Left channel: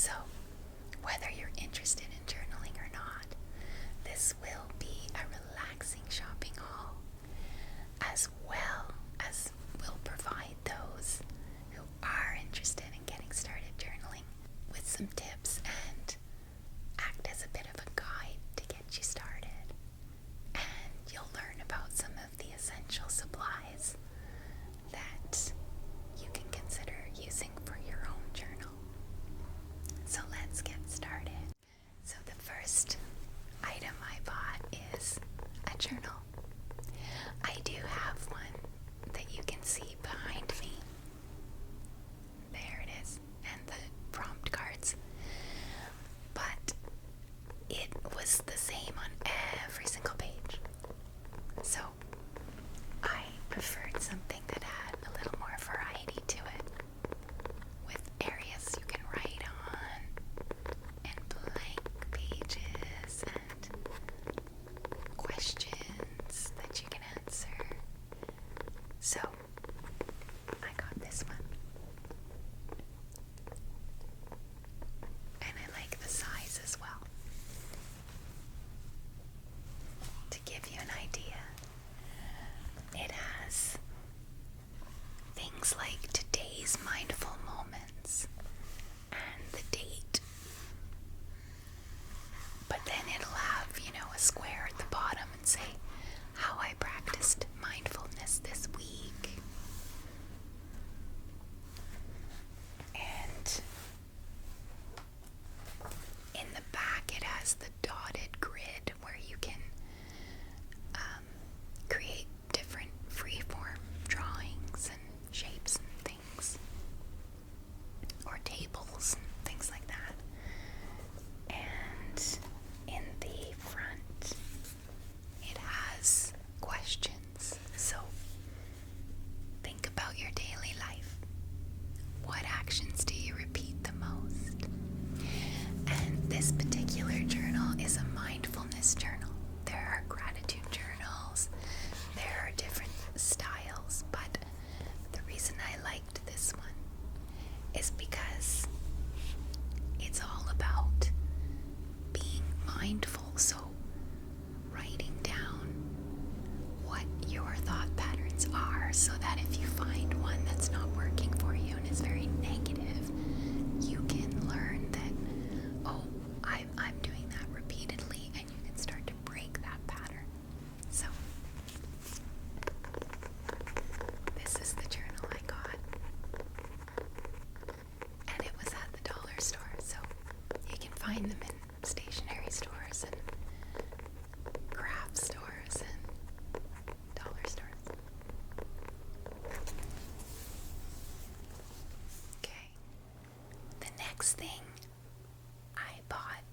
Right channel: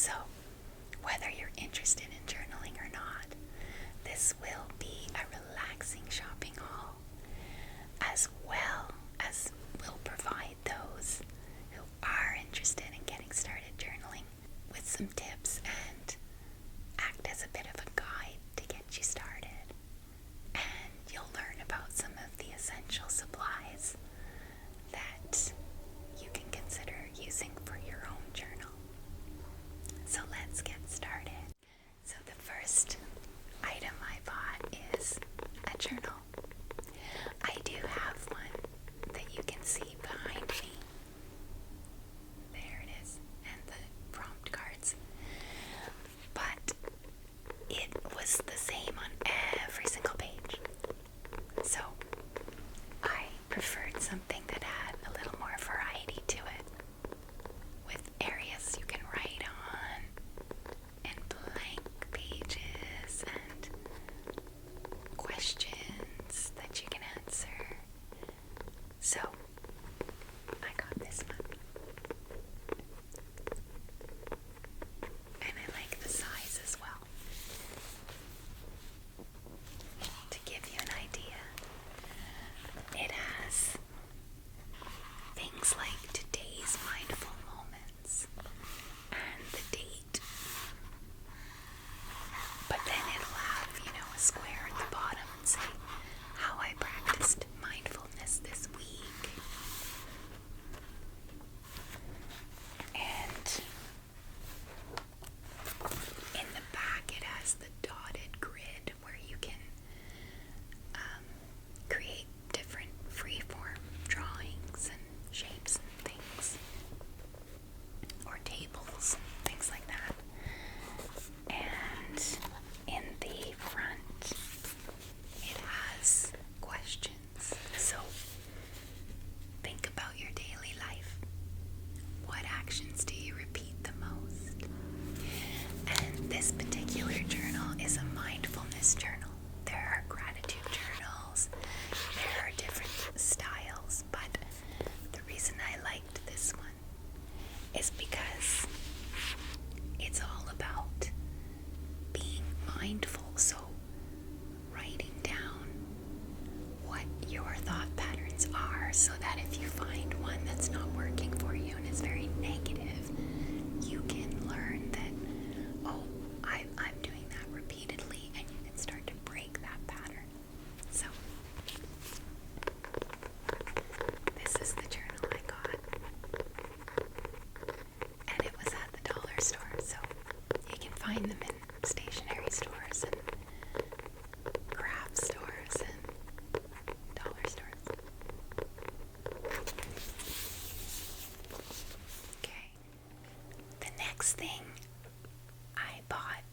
So, whether you're interested in journaling or not, this will be a relaxing shopping haul, as well as will provide those who are interested in getting started journaling with some tips and act as a bit of a guide to get you started. And you'll learn about some of the essential supplies that you can consider using for your own journal. So let's get started. So the first item I bought is a journal. I do have one that you can see behind me. There it is, and the prompt cards. But it was the same on every single page. So I preferred something that had a little more variety to it, with areas you can write on, and blank pages, and questions that you can answer. So I got this one. And I like the size as well. To give you an idea, it has things like today's mindful moments and the date. But then it'll have, a square at the bottom and say how I practiced mindfulness this week. And in the back it has the dotted grid where you can create different freeform drawings and shapes and things, or tables and things like that. And in the front it has questions. So think about your daily life. What actions do you repeat the most? And this particular journal is a mindfulness journal. There are gratitude journals. There are different styles, but the reason I liked this one is because it's all about being mindful. So writing down what your thought patterns are, so that if you find one that's not working for you and is very negative, you can learn that, oh, I'm doing that repeatedly, and you can start to break that pattern. So this is the journal I got, and it was at the dollar store. So you can find them in stationery stores and craft stores and dollar stores. Okay. The next thing I bought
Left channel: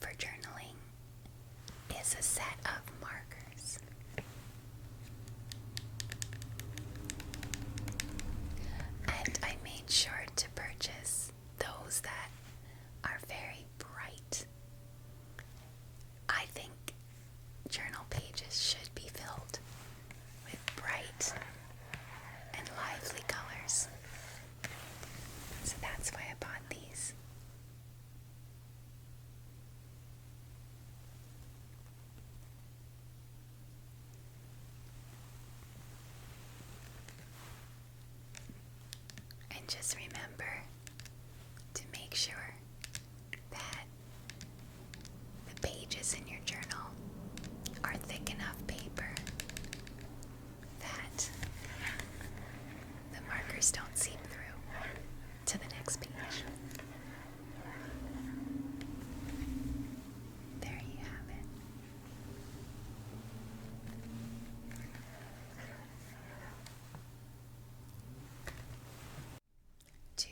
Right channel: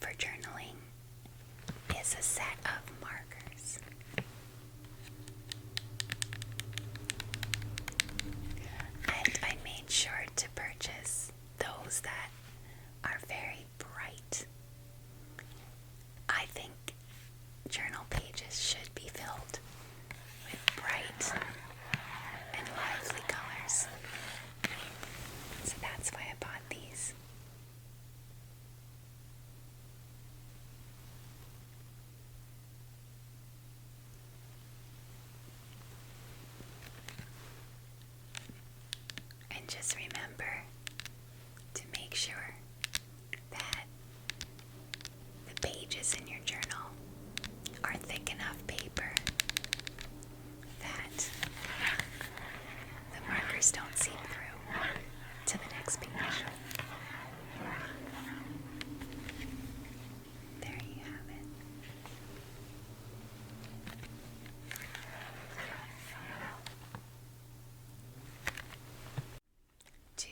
for journaling is a set of markers. And I made sure to purchase those that are very bright. I think journal pages should be filled with bright and lively colors. So that's why I bought these. And just remember to make sure that the pages in your journal are thick enough paper that the markers don't seep through to the next page. There you have it. To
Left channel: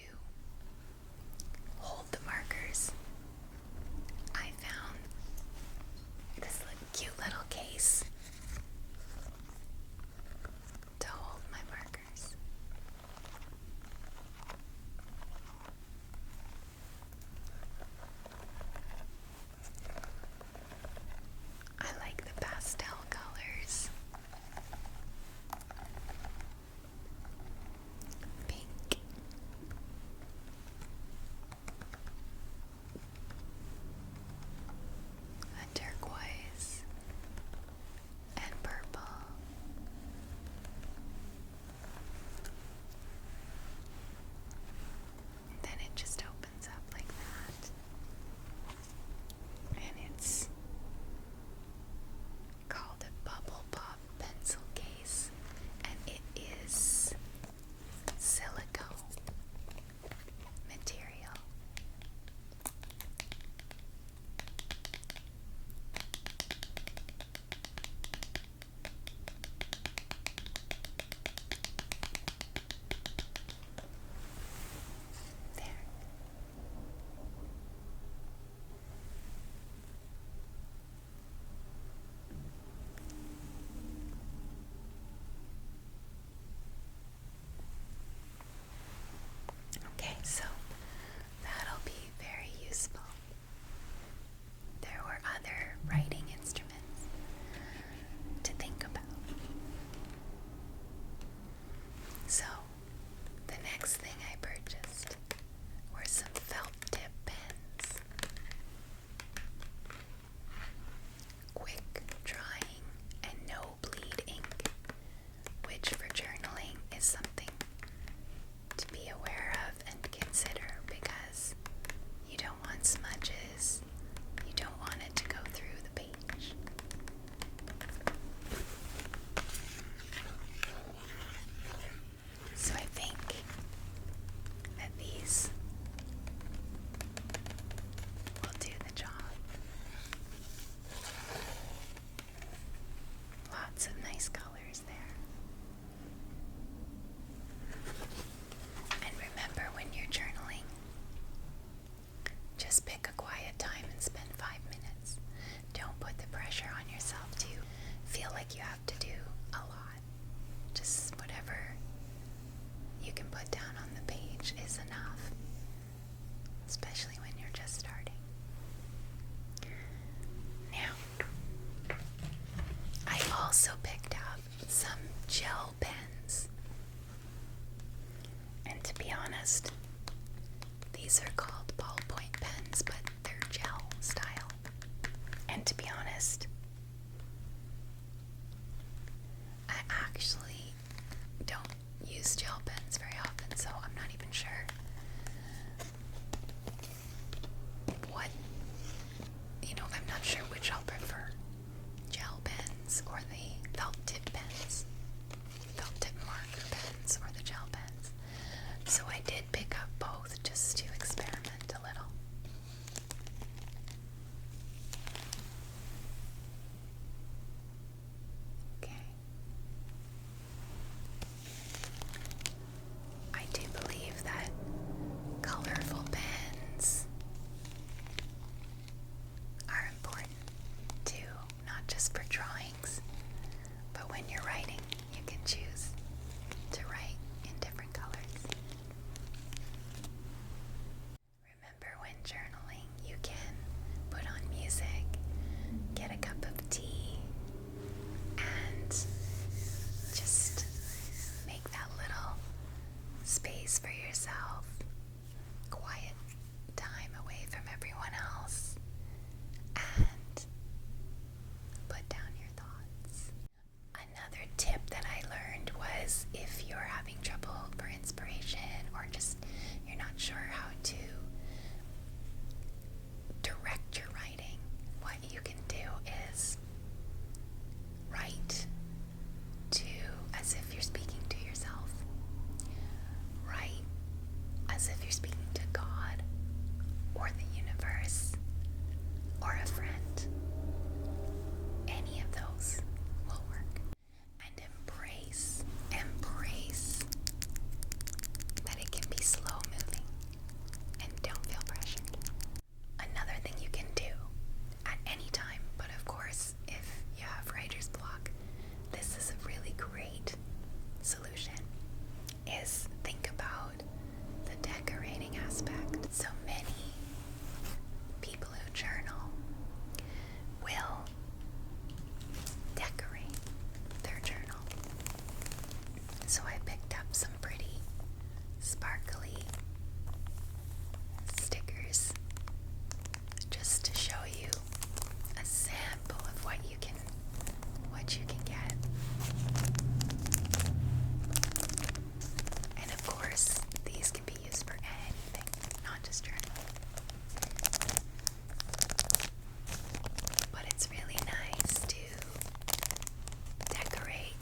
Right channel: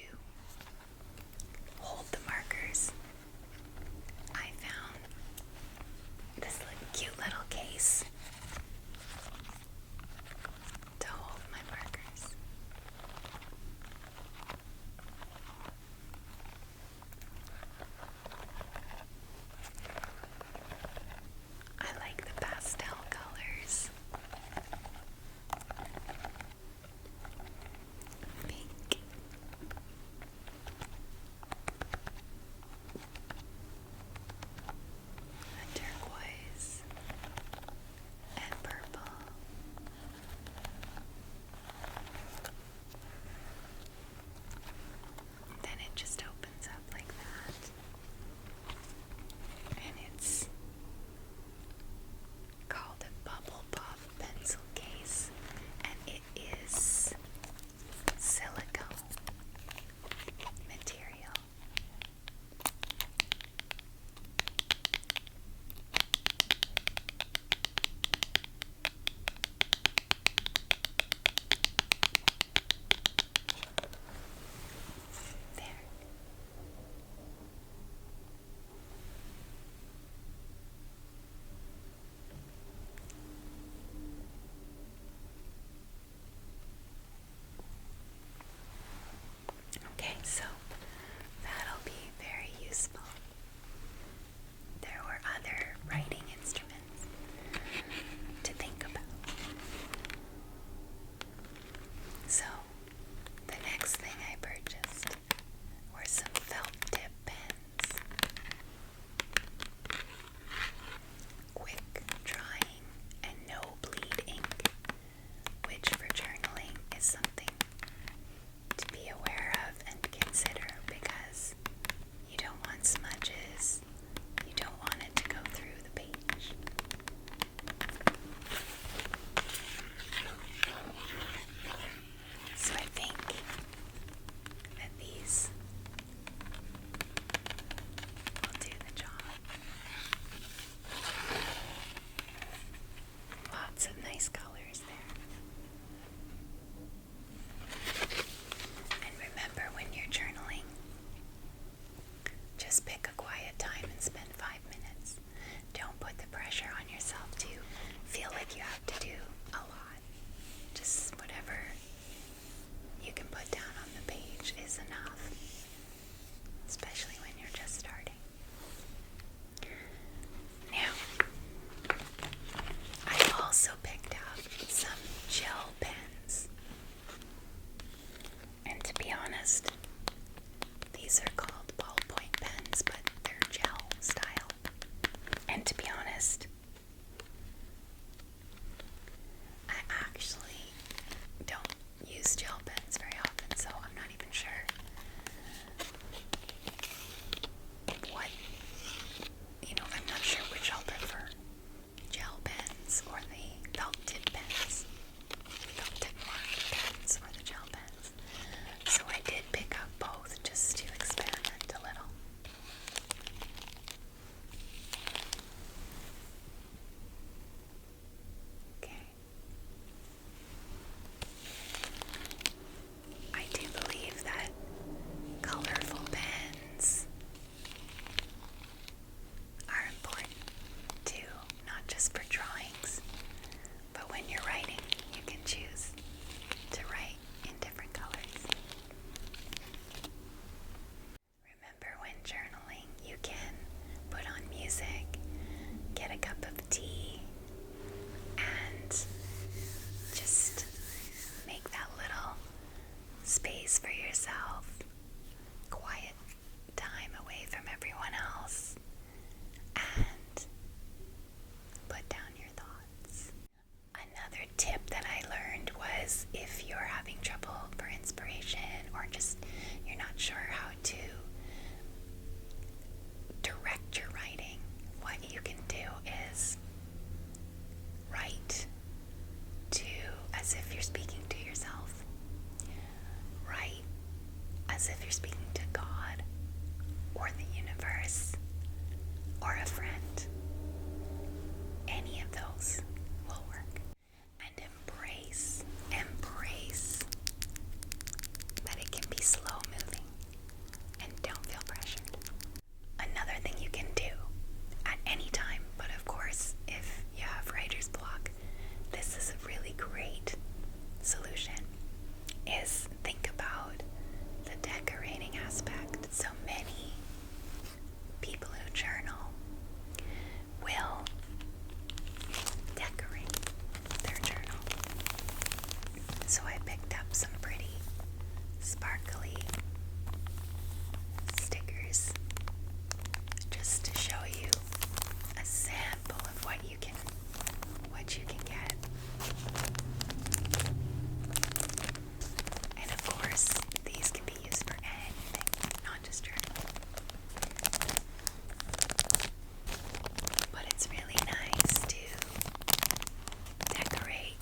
These are called ballpoint pens, but they're gel style. And to be honest, I actually don't use gel pens very often, so I'm not even sure what, I'm not sure which I'll prefer, gel pens or the felt tip pens, felt tip marker pens or the gel pens. So I did pick up both just to experiment a little. Okay. I do believe that colorful pens are important too, not just for drawings, but when you're writing, you can choose to write in different colors. Remember, when journaling, you can put on music, get a cup of tea, and just make that little space for yourself, quiet time away from everyone else, and put down your thoughts. Another tip that I learned was, if you're having trouble for inspiration or just you're not sure how to direct your writing, what you can do is write as if you're speaking to yourself. Write as if you're speaking to God or the universe or a friend. Any of those will work. And embrace that it can be slow moving, and don't feel pressured. Another thing you can do at any time, but of course if you have writer's block, this is a really great solution, is think about the decorating aspect. So many people who journal will decorate their journal. So I picked up some pretty sparkly stickers just to show you a sample of what you can get. And of course, these can be used for anything, not just journaling. But it's really nice to decorate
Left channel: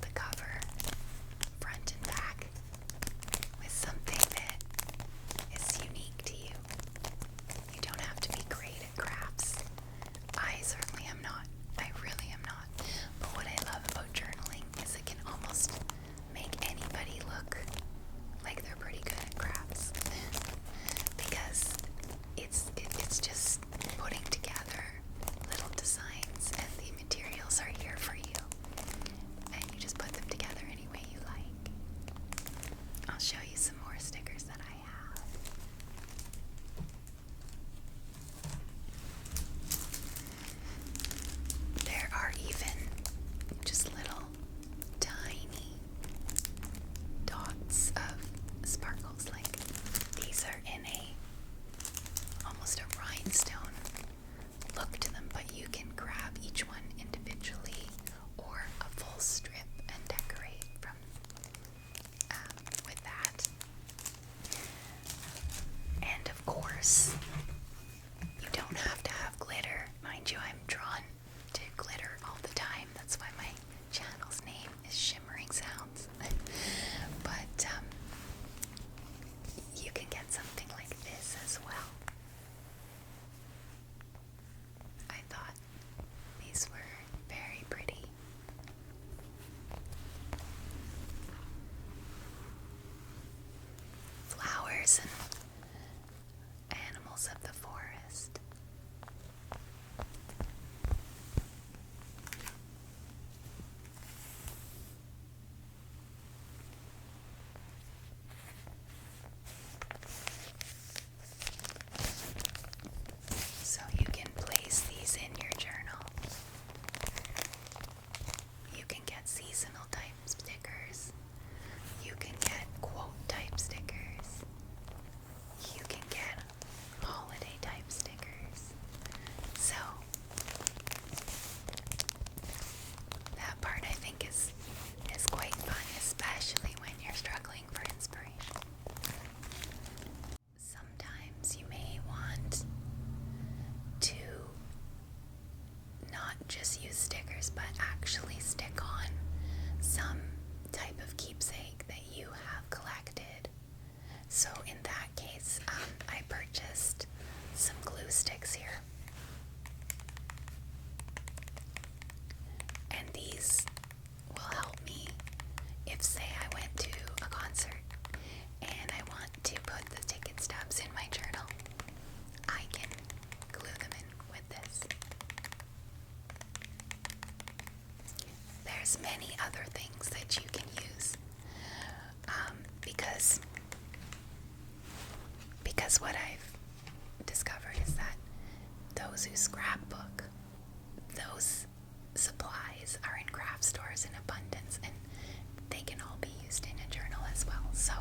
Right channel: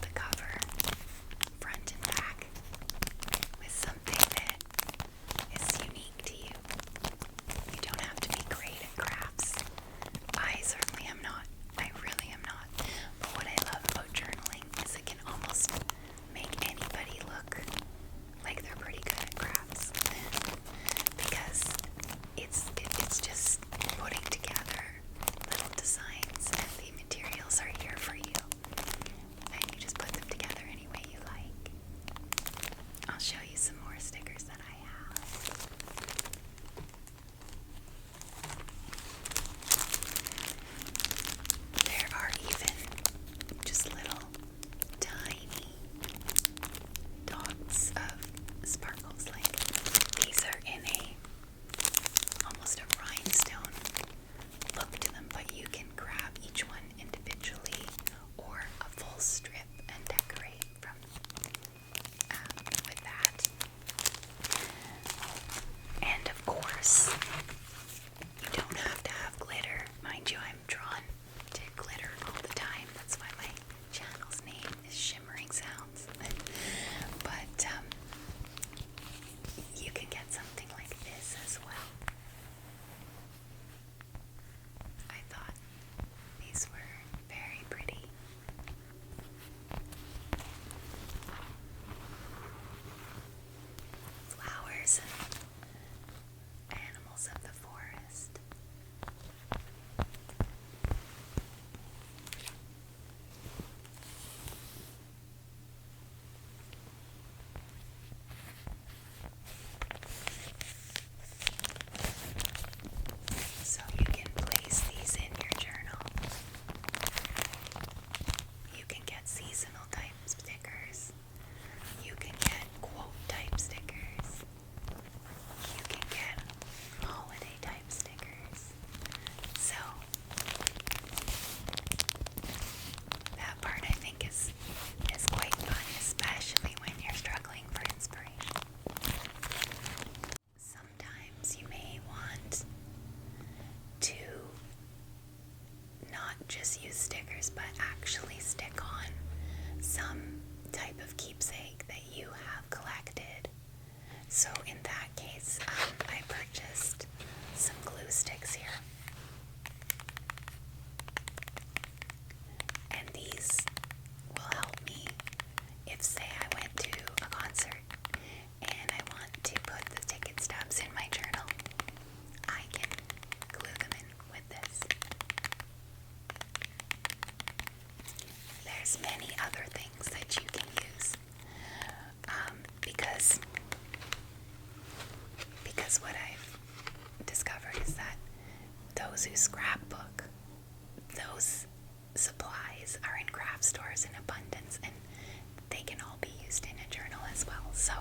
the cover, front and back, with something that is unique to you. You don't have to be great at crafts. I certainly am not. I really am not. But what I love about journaling is it can almost make anybody look like they're pretty good at crafts. Because it's just putting together little designs, and the materials are here for you. And you just put them together any way you like. I'll show you some more stickers that I have. There are even just little tiny dots of sparkles. Like, these are in almost a rhinestone look to them, but you can grab each one individually or a full strip and decorate from with that. And of course, you don't have to have glitter. Mind you, I'm drawn to glitter all the time. That's why my channel's name is Shimmering Sounds. But you can get something like this as well. I thought these were very pretty. Flowers and animals of Because what I've discovered is that those who scrapbook, those supplies are in craft stores in abundance, and they can all be used in a journal as well. So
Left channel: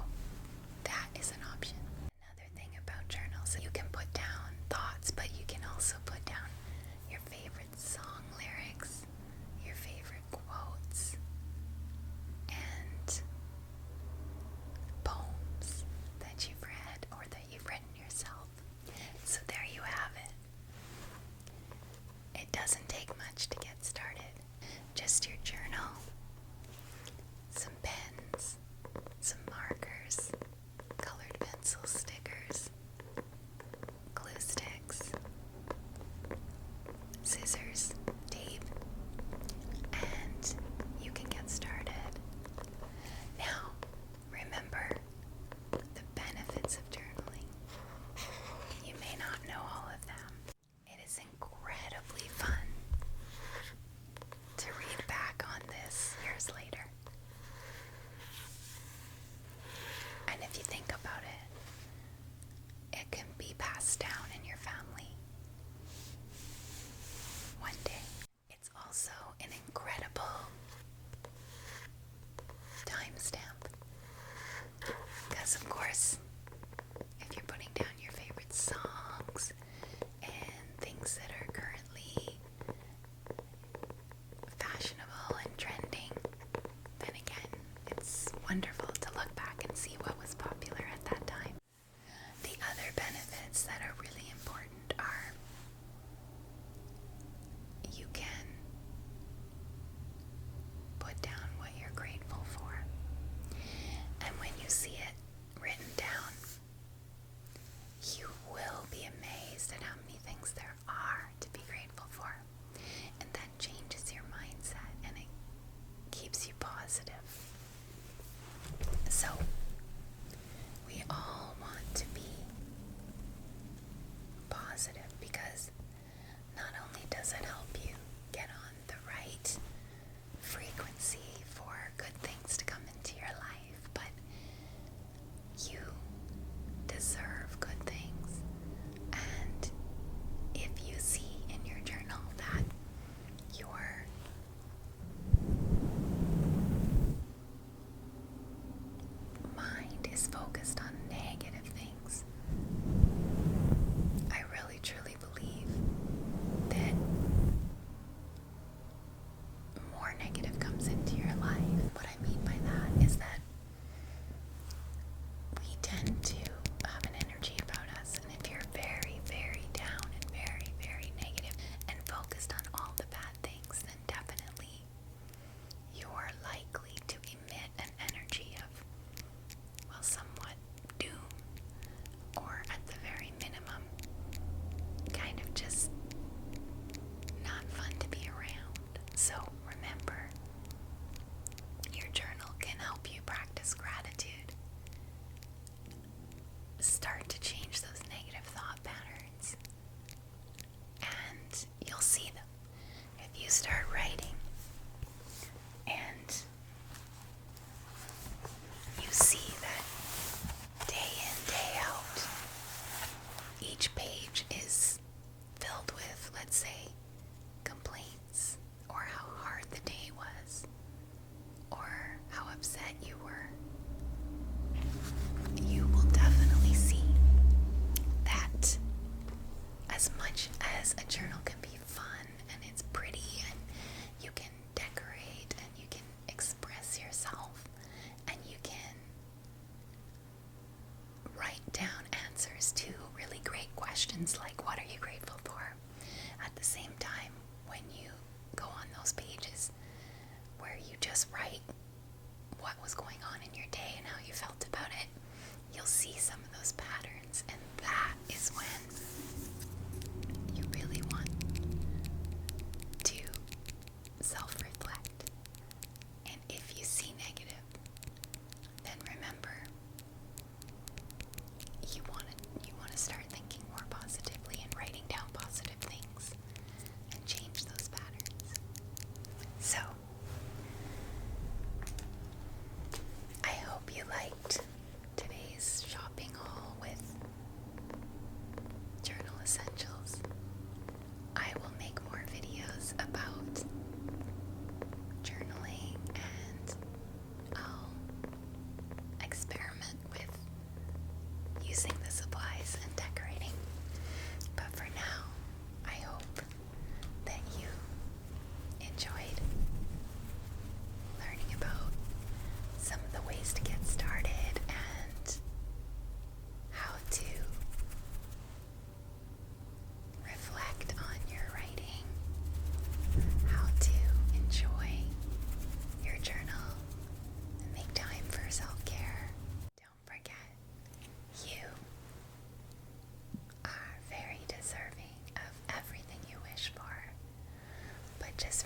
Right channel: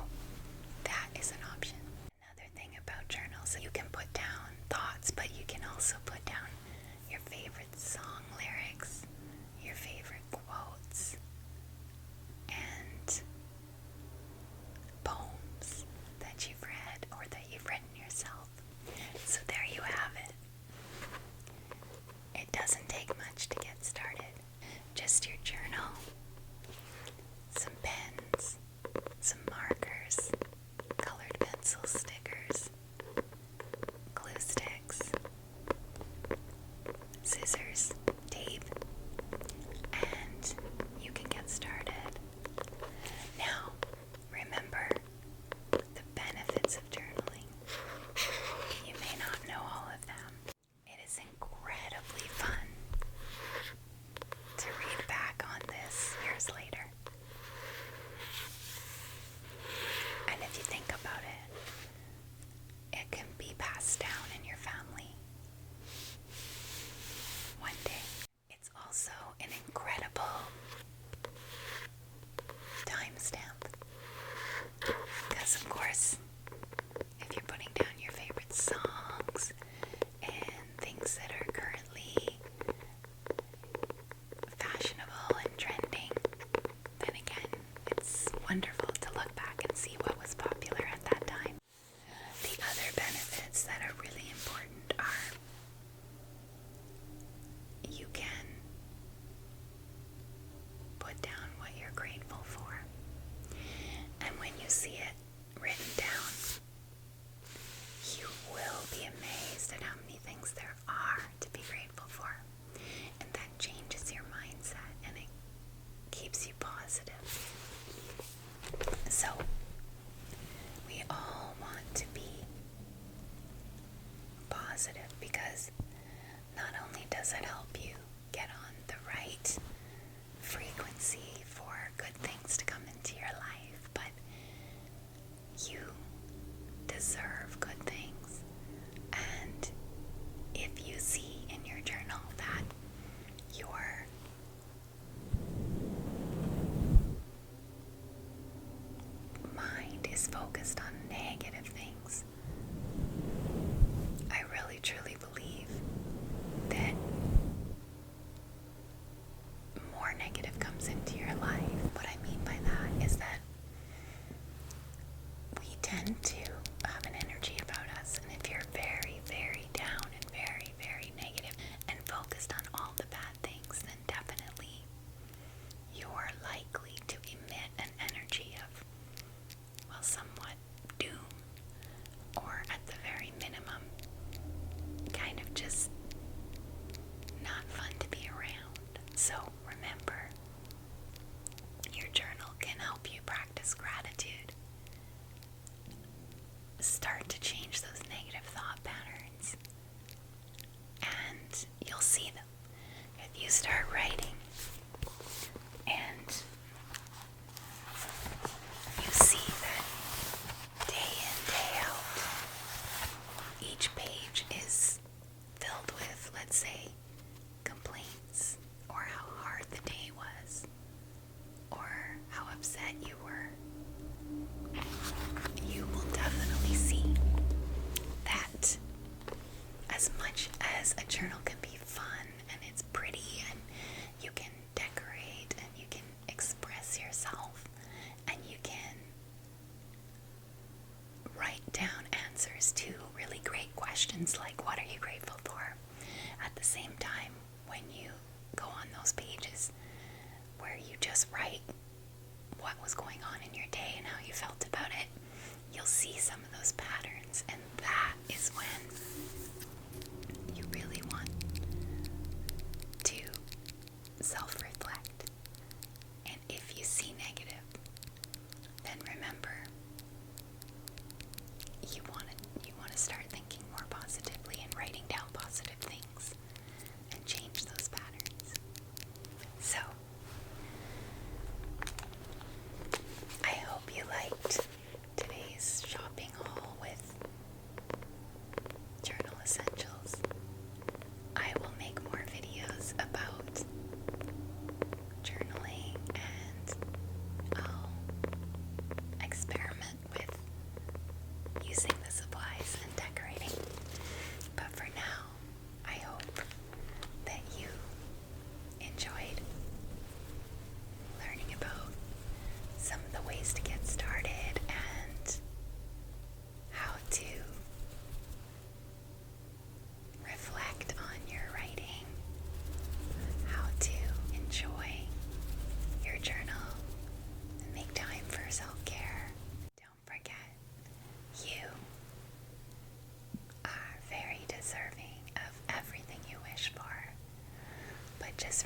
that is an option. Another thing about journals, you can put down thoughts, but you can also put down your favorite song lyrics, your favorite quotes, and poems that you've read or that you've written yourself. So there you have it. It doesn't take much to get started. Just your journal, some pens, some markers, colored pencil stickers, glue sticks, scissors, tape, and you can get started. Now, remember the benefits of journaling. You may not know all of them. It is incredibly fun to read back on this years later. And if you think about it, it can be passed down in your family one day. It's also an incredible timestamp. Because of course, if you're putting down your favorite songs and things that are currently fashionable and trending, then again, it's wonderful to look back and see what was popular at that time. The other benefits that are really important are you can put down what you're grateful for. And when you see it written down, you will be amazed at how many things there are to be grateful for. And that changes your mindset and it keeps you positive. So, we all want to be positive because not only does it help you get on the right frequency for good things to come into your life, but you deserve good things. And if you see in your journal that your mind is focused on negative things, I really truly believe that more negative comes into your life. What I mean by that is that we tend to have an energy about us, and if you're very, very down and very, very negative and focused on all the bad things, then definitely you're likely to emit an energy of, well, somewhat doom, or at the very minimum, kind of just not fun to be around. So remember, your journal can help you practice gratitude. Start to change those negative thought patterns, and you'll see them. If you start writing and you see that day in, day out, each page is filled with, let's say, complaints, or how hard the day was, or how upset you were, you will definitely see that as much as a journal can be fun and it's pretty and you can decorate and you can express yourself and you can write down answers to really great questions like what are you grateful for, at the same time, when you go on those pages where you just write what was going on in your day and how you felt about it, you'll see some of those patterns, and that is when you really want to self-reflect. And if you see negative, then remember, you want to start thinking more positively and writing down positive things and change those patterns. So, I hope you liked today's shopping haul with just